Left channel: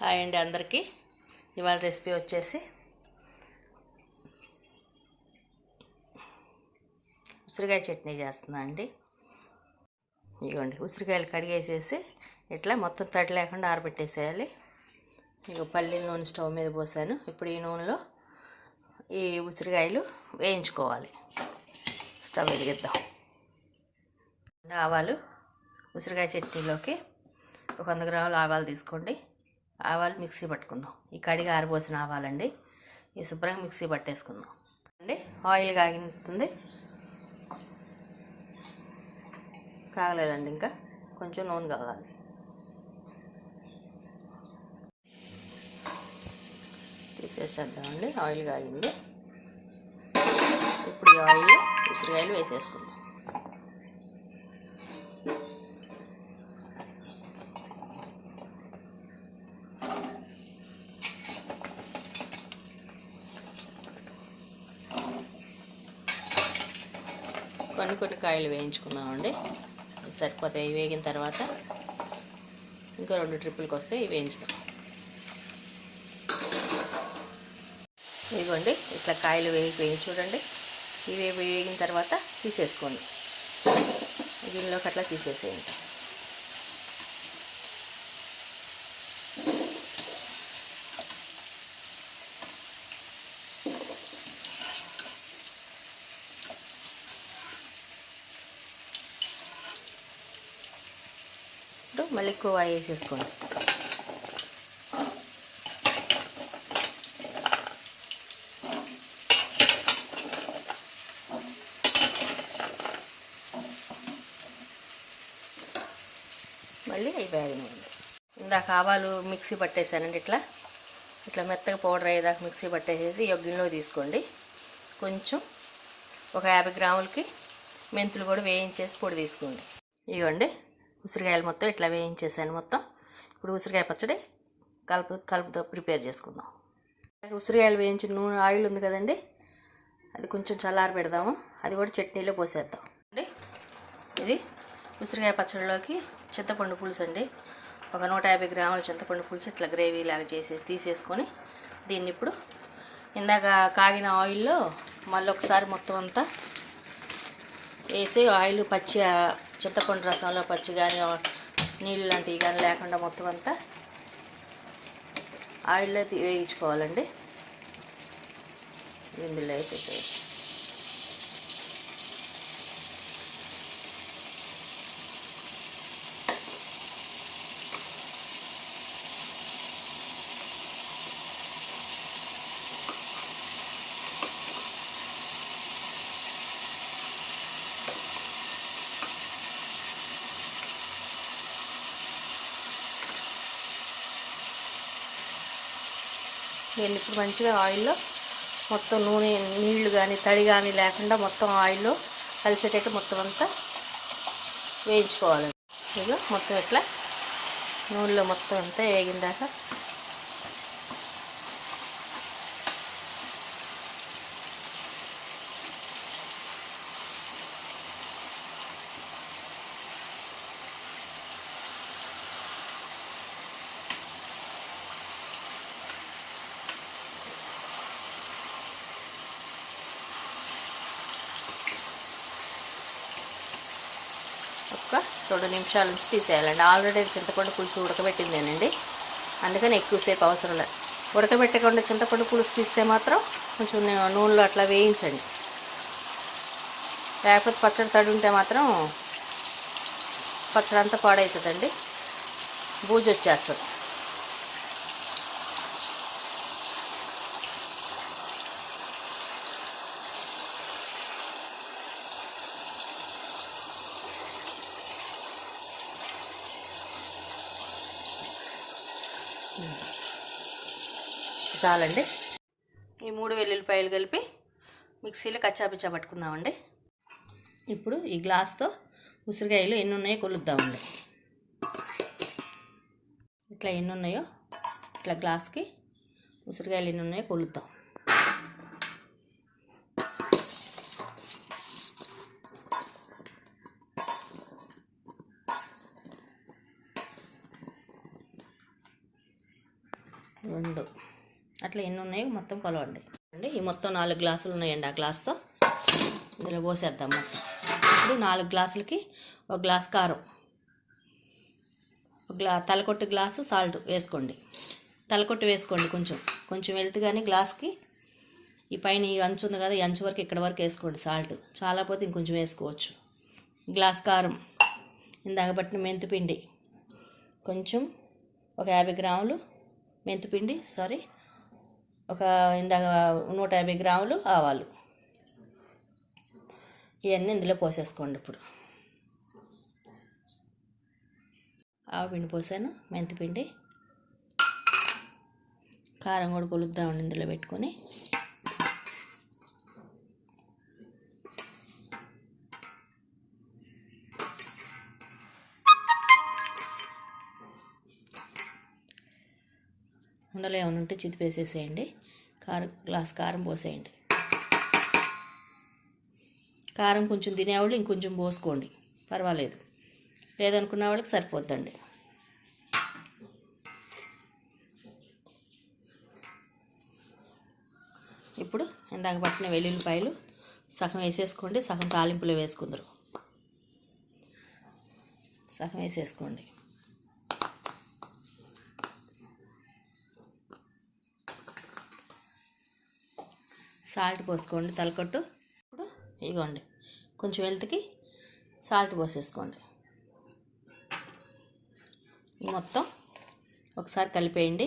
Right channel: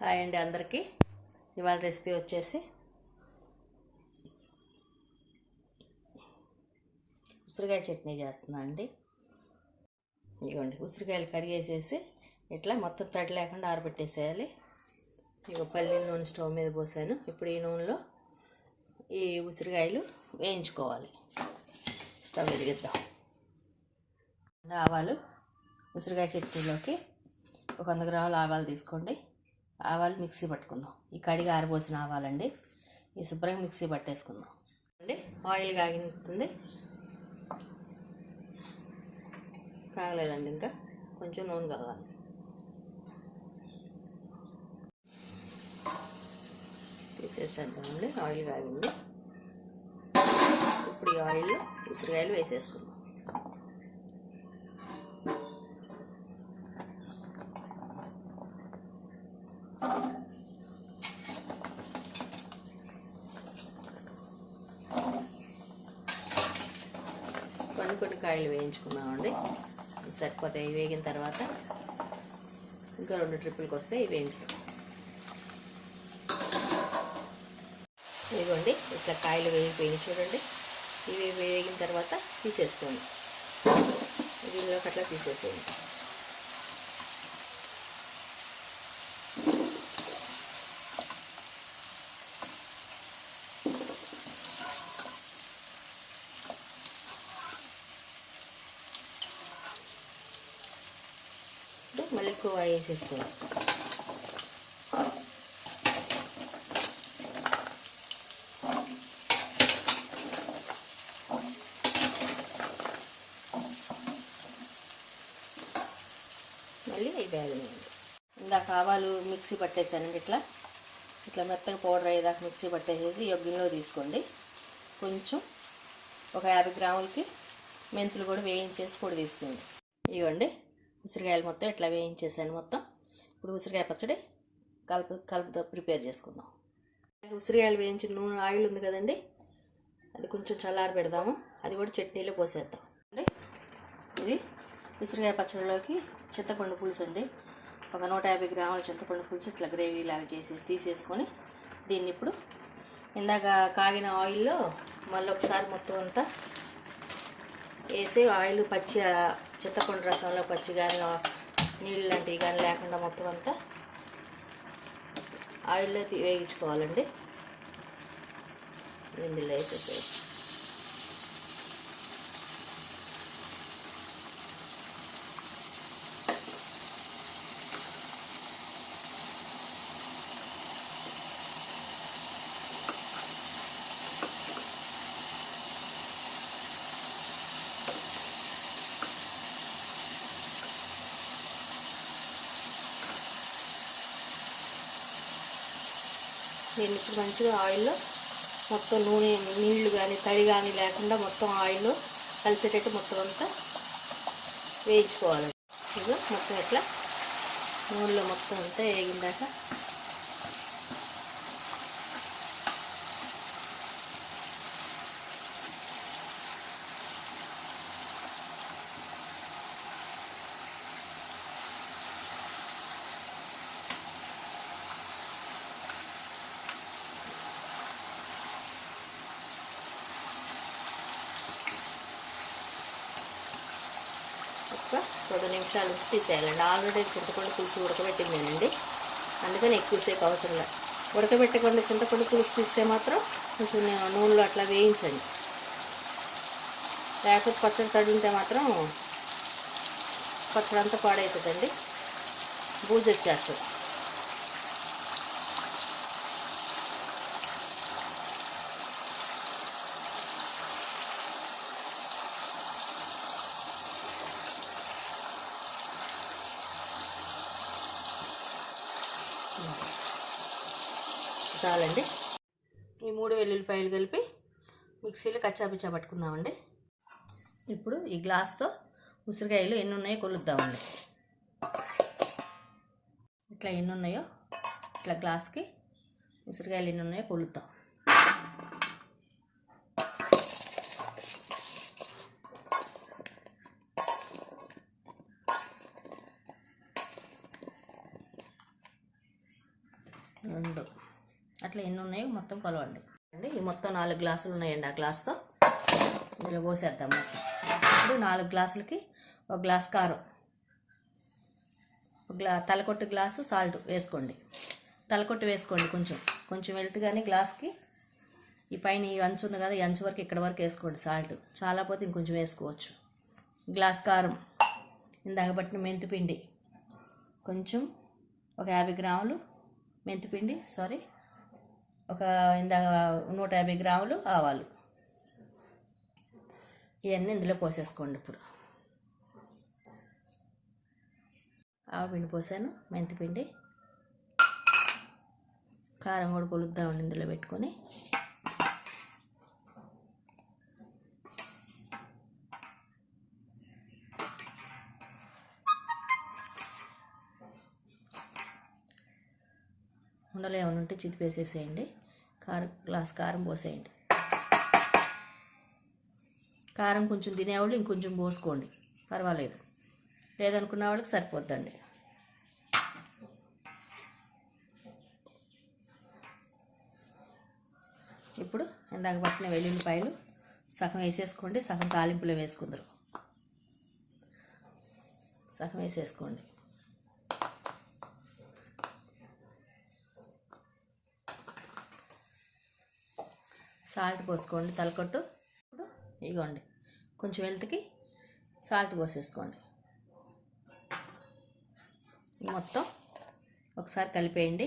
Hi అండి అందరికీ. ఇవాళ రెసిపీ వచ్చేసి ఉసిరికాయ చట్నీ చేస్తున్నా అండి. ఇదిగోండి, ఉసిరికాయలు కడిగేసేసి ఇట్లా మొత్తం తడి లేకుండా ఆరబెట్టేసేయాలి. ఇక పల్లి నూనె స్టవ్ మీద పోసాను. ఇప్పుడు ఈ నూనెలో ఈ ఉసిరికాయలు వేయించుకోవాలి. స్టవ్ వెలిగిద్దాం. ఆవాలు, ఉసిరికాయ చట్నీలోకి ఒక 100 గ్రాముల ఆవాలు తీసుకోండి. ఆవాలు మిక్సీ పట్టుకుందాం. ఈ కడిగి ఆరబోసిన ఆవాలండి. ఈ శుభ్రంగా మిక్సీ పట్టేసుకుందాం అండి. ఆయిల్ కాగింది, కాగలేదండి, ఇంకా కొంచెం నూనె కాగాలి. తీసేసేద్దామండి. ఆయిల్ కాగింది. ఇప్పుడు ఈ ఆయిల్ ఉసిరికాయలు వేసేసుకుందాం. కొన్ని కాయలు వేయించుకుందామండి. సరిపోతాయి. వేగిన తర్వాత ఇంకా 2 ట్రిప్పులకి వస్తే ఇవి వేయించుదాం. ఇదిగోండి, ఇట్లా కాయలు వేగిపోయి చూడండి. ఇవి వేగిన తర్వాత తీసేసుకోండి. దీనిలోకి అట్లా తీసేసేయండి. మళ్ళీ ఎక్కువ వేసేసుకోండి. మళ్ళీ అవి వేగనివ్వండి. ఇందాక ఆవాలు మిక్సీ పట్టేసానండి. ఇట్లా మెత్తగా పౌడర్ అయ్యేదాకా మిక్సీ పట్టేసేసి గిన్నెలో తీసుకోండి. కొంచెం ఒక 50 గ్రాములకి మెంతులు కూడా వేయించేసి పొడి తీసుకోండి. ఇవ్వండి, ఉసిరికాయలు మొత్తం ఇట్లా వేయించేసాను మొత్తం. ఇప్పుడు ఉసిరికాయ పచ్చడి కలుపుతో ప్రిపేర్ చేసుకుందాం. ఉసిరికాయలు వేయించిన నూనె ఆయిల్ ఉంది కదండి, అది కొంచెం చల్లారి పెడదాము. అది కూడా చట్నీలో పోసేద్దాం అండి. ఇది ఉసిరికాయ పచ్చడిలోకి చింతపండు పులుసు అండి. ఒక 150 గ్రాముల చింతపండు పులుసు ఇట్లా గ్రేవీ లాగా తీసేసుకొని దీన్ని ఇప్పుడు ఇందాక కాగిన ఆయిల్లో మళ్ళీ ఒకసారి మొత్తం అంతా వేసి ఆయిల్ పచ్చి చింతపండు రసంలో పచ్చి కానీ నీళ్ళు లాంటివి కానీ లేకుండా మొత్తం అంతా ఆయిల్లో వేయించుకోవాలండి. ఇందులో వేసేసి దీన్ని ఇప్పుడు మంచిగా ఆయిల్లో మొత్తం నూనె నీళ్లు కానీ తడి కానీ లేకుండా మొత్తం ఆయిల్లో కలిసేటట్టు మొత్తం అంతా వేయించుకోవాలండి. ఇదిగో మొత్తం ఇట్లా నూనెలో మొత్తం అంతా వేగిందాక ఒక 2 నిమిషాల నుంచి తీసేయాలండి. ఆల్రెడీ చింతపండు పులుసు ఉడకబెట్టిందేనండి, అందుకని ఎక్కువసేపు అవసరం లేదు. ఉడకబెట్టకుండా చింతపండు పులుసు తీస్తే మాత్రం కొంచెం నూనెలో అట్లా వేయించండి. లేకపోతే పచ్చడి తడి ఉంటే మాత్రం పచ్చడి అంతా పాడవుతుందండి, బూజు వచ్చేస్తుంది. చాలండి. ఈ 3 వెల్లుల్లిపాయలు కలిపి మిక్సీలో కచ్చాపిచ్చా పట్టుకుందామండి. ఇప్పుడు ఈ గ్లాస్తో ఉసిరికాయలు ఎన్ని ఉన్నాయో కొలుద్దామండి. ఇట్లా ఎన్ని ఉన్నాయో ఇట్లా గ్లాస్కి ఉసిరికాయలు ఎన్ని ఉన్నాయో కొలుద్దాం. 2 అట్లా ఎన్ని ఉన్నాయో మొత్తం కొలవండి అండి. ఈ మొత్తం 4 గ్లాసులు ఉన్నాయండి. ఆ గ్లాస్తో ఇందులో పోసేద్దాం మొత్తం. ఇప్పుడు 4 గ్లాసులకి 1 గ్లాస్ కారం, తలకొట్టు గ్లాసు సాల్ట్ వేసుకోండి. తలకొట్టు వేసుకోండి, కొంచెం వెళ్తుగానే గ్లాస్కి ఈ పైన ఈ అంచు ఉంది కదా, ఈ అంచు వరకు ఇక్కడ వరకు వేసుకోండి సాల్ట్. చాలా పోతే ఇంకొంచెం వేసుకోవచ్చు. గ్లాస్ కారం, ఇందాక పట్టిన మెంతిపిండి కొంచెం, ఒక 50 గ్రాములు మెంతిపిండి, ఒక ఇందాక 150 గ్రాములు ఆవాలు, ఇవన్నీ ఇందులో పోసేసుకోండి. ఇప్పుడు ఆవపిండి పోసాను, మెంతిపిండి, కారం కూడా కొలుద్దామండి ఇందులో పెట్టుకొని. ఉండలు ఏమైనా ఉంటే చితిపేసేసేయండి. గ్లాస్ కారం పోసేయండి. కారం కొంచెం తినేవాళ్ళు ఇంకొంచెం పోసుకోండి, పర్వాలేదు. లేదనుకున్న వాళ్ళకి సరిపోద్దండి. ఇప్పుడు ఇందాక పట్టిన వెల్లుల్లిపాయలు సగం వేసేసుకోండి, సగం తాలింపులో వేసుకుందరు. సగం వేసేసుకోండి. సాల్ట్ పోసుకోండి తలకొట్టు. ఇప్పుడు ఇగోండి కొంచెం వెళ్తుకి సాల్ట్ పోసేసుకోండి. మొత్తం ఒకసారి కలిపేయండి.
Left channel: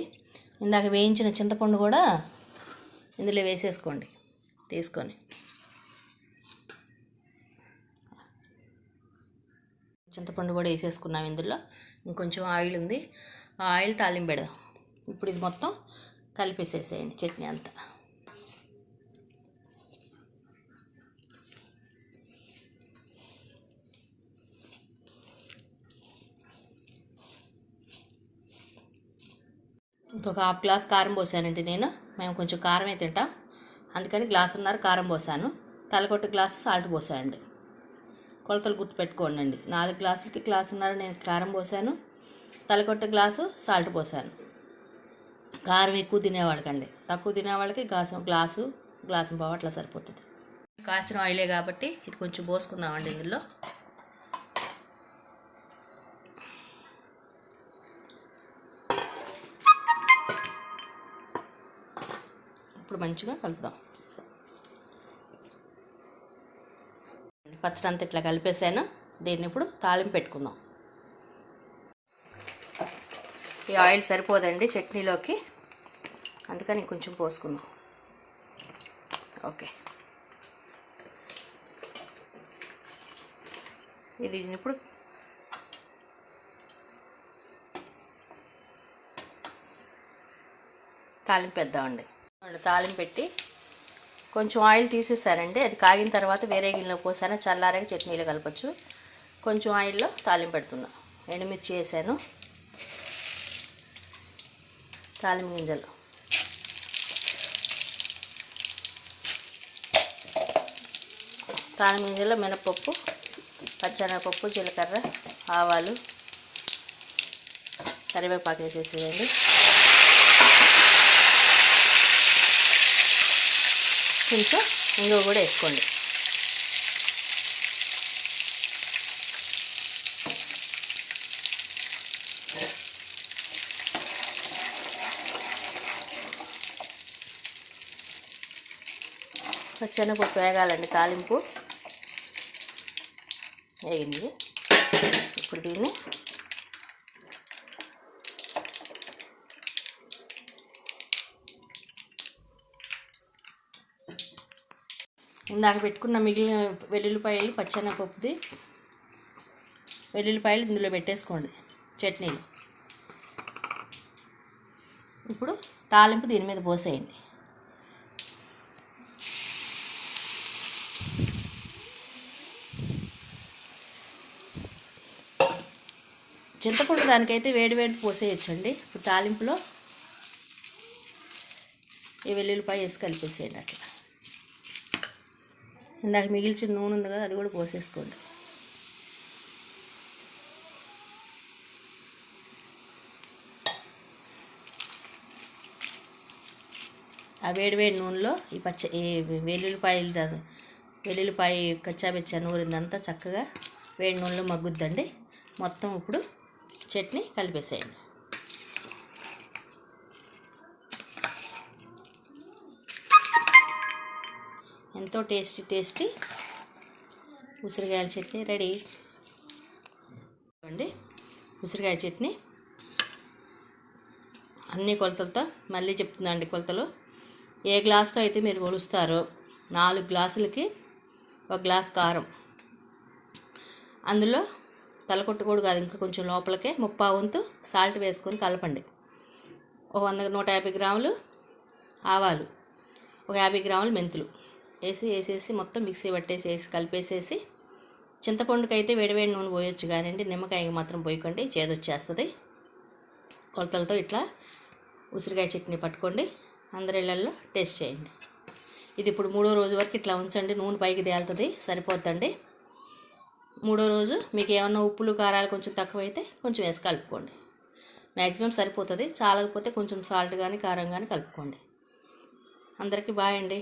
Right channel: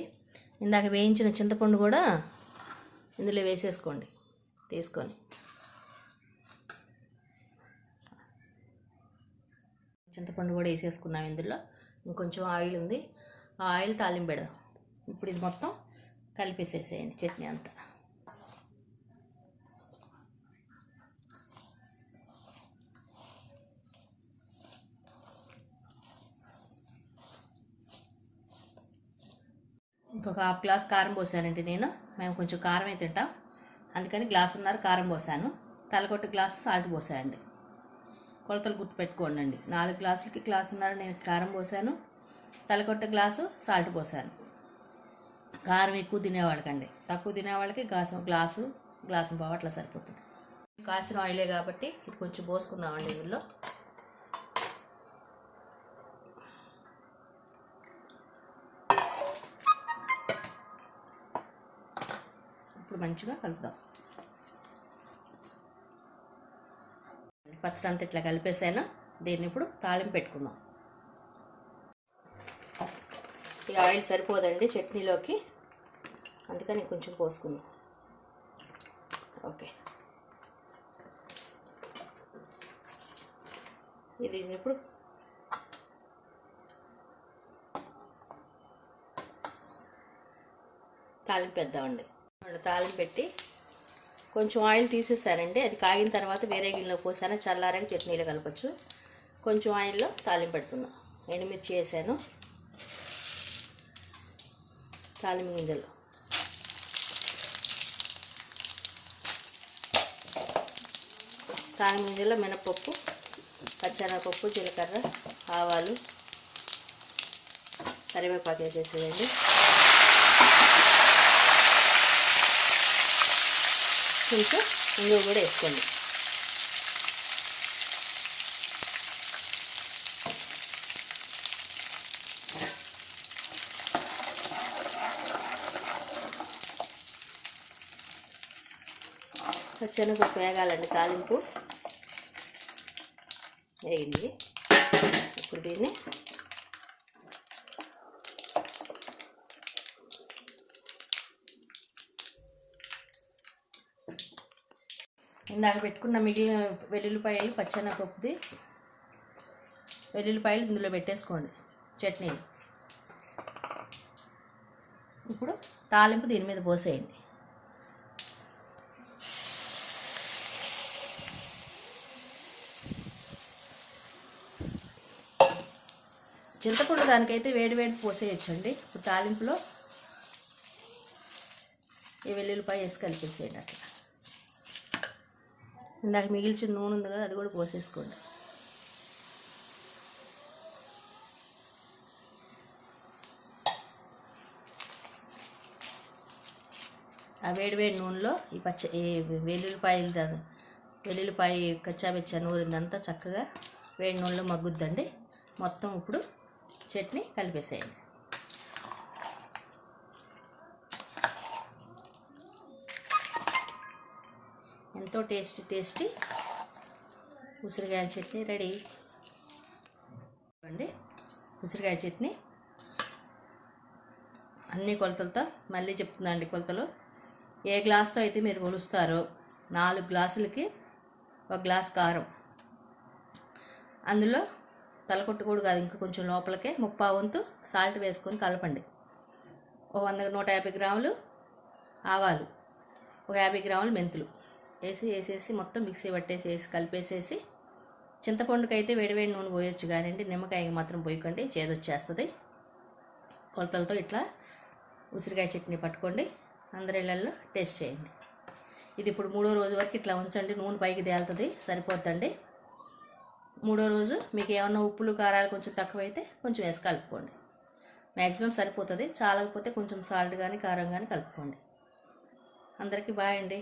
ఇందాక వేయించిన చింతపండు కూడా ఇందులో వేసేసుకోండి తీసుకొని. చింతపండు కూడా వేసేసుకున్నాం ఇందులో. ఇంకొంచెం ఆయిల్ ఉంది, ఆ ఆయిల్ తాలింపు పెడదాం. ఇప్పుడు ఇది మొత్తం కలిపేసేసేయండి చట్నీ అంతా. ఇంకొక 1/2 గ్లాస్ కారం పోసానండి నేను. మేము కొంచెం కారమే తింటాం, అందుకని 1.5 గ్లాసున్నర కారం పోసాను. తలకొట్టు గ్లాసు సాల్ట్ పోసానండి. కొలతలు గుర్తుపెట్టుకోండి. 4 గ్లాసులకి 1.5 గ్లాసున్నర నేను కారం పోసాను, తలకొట్టు గ్లాసు సాల్ట్ పోసాను. కారం ఎక్కువ తినేవాళ్ళకండి, తక్కువ తినేవాళ్ళకి గ్లాసు పావు అట్లా సరిపోతుంది. కాసిన ఆయిలే కాబట్టి ఇది కొంచెం పోసుకుందామండి ఇందులో. ఇప్పుడు మంచిగా కలుపుదాం. పచ్చడి అంతా ఇట్లా కలిపేసాను. దీన్ని ఇప్పుడు తాలింపు పెట్టుకుందాం. ఈ ఆయిల్ సరిపోదండి చట్నీలోకి, అందుకని కొంచెం పోసుకుందాం. ఓకే, ఇది ఇప్పుడు తాలింపు వేద్దామండి. తాలింపు పెట్టి కొంచెం ఆయిల్ తీసేసానండి. అది కాగిన తర్వాత వేరే గిన్నెలో పోసాను, చల్లారాక చట్నీలో కలపచ్చు. కొంచెం ఆయిల్లో తాలింపు పెడుతున్నా. ఎండుమిర్చి వేసాను, తాలింపు గింజలు, తాలింపు గింజల్లో మినపప్పు, పచ్చెనగపప్పు, జీలకర్ర, ఆవాలు, కరివేపాకు వేసేసేయండి. కొంచెం ఇంగువ కూడా వేసుకోండి. పచ్చెనగపప్పు వేగాలండి. తాలింపు వేగింది. ఇప్పుడు దీన్ని ఇందాక పెట్టుకున్న మిగిలిన వెల్లుల్లిపాయలు, పచ్చెనగపప్పుది వెల్లుల్లిపాయలు ఇందులో పెట్టేసుకోండి చట్నీలు. ఇప్పుడు తాలింపు దీని మీద పోసేయండి. చింతపండు దానికైతే వేడి పోసేయచ్చండి. ఇప్పుడు తాలింపులో ఈ వెల్లుల్లిపాయ వేసి కలిపేసేయండి. అట్లా ఇందాక మిగిల్చిన నూనె ఉంది కదా, అది కూడా పోసేసుకోండి. ఆ వేడివేడి నూనెలో ఈ వెల్లుల్లిపాయ కచ్చాబెచ్చా నూరిందంతా చక్కగా వేడి నూనెలో మగ్గుద్దండి. మొత్తం ఇప్పుడు చట్నీ కలిపేసేయండి. ఎంతో టేస్టీ ఉసిరికాయల చట్నీ రెడీ అండి. ఉసిరికాయ చట్నీ అన్ని కొలతలతో మళ్ళీ చెప్తున్నా అండి. కొలతలు ఏ గ్లాస్తో అయితే మీరు కొలుస్తారో 4 గ్లాసులకి 1 గ్లాస్ కారం, అందులో తలకొట్టు కూడా కాదు, ఇంకా కొంచెం లోపలికే 3/4 వంతు సాల్ట్ వేసుకొని కలపండి. 150 గ్రాములు ఆవాలు, 50 గ్రాములు మెంతులు వేసేసి మొత్తం మిక్సీ పట్టేసేసి కలిపేసేసి, చింతపండుకి అయితే వేడివేడి నూనె పోయొచ్చు కానివ్వండి, నిమ్మకాయ మాత్రం పోయకండి, చేదొచ్చేస్తుంది. కొలతలతో ఇట్లా ఉసిరికాయ చట్నీ పట్టుకోండి, అందరి ఇళ్ళల్లో టేస్ట్ చేయండి. ఇది ఇప్పుడు 3వ రోజు వరకు ఇట్లా ఉంచండి, నూనె పైకి తేలుతుంది, సరిపోద్దండి. 3వ రోజు మీకు ఏమన్నా ఉప్పులు కారాలు కొంచెం తక్కువైతే కొంచెం వేసి కలుపుకోండి, మ్యాక్సిమం సరిపోతుంది. చాలకపోతే కొంచెం సాల్ట్ కానీ కారం కానీ కలుపుకోండి. అందరికీ బాయ్ అండి.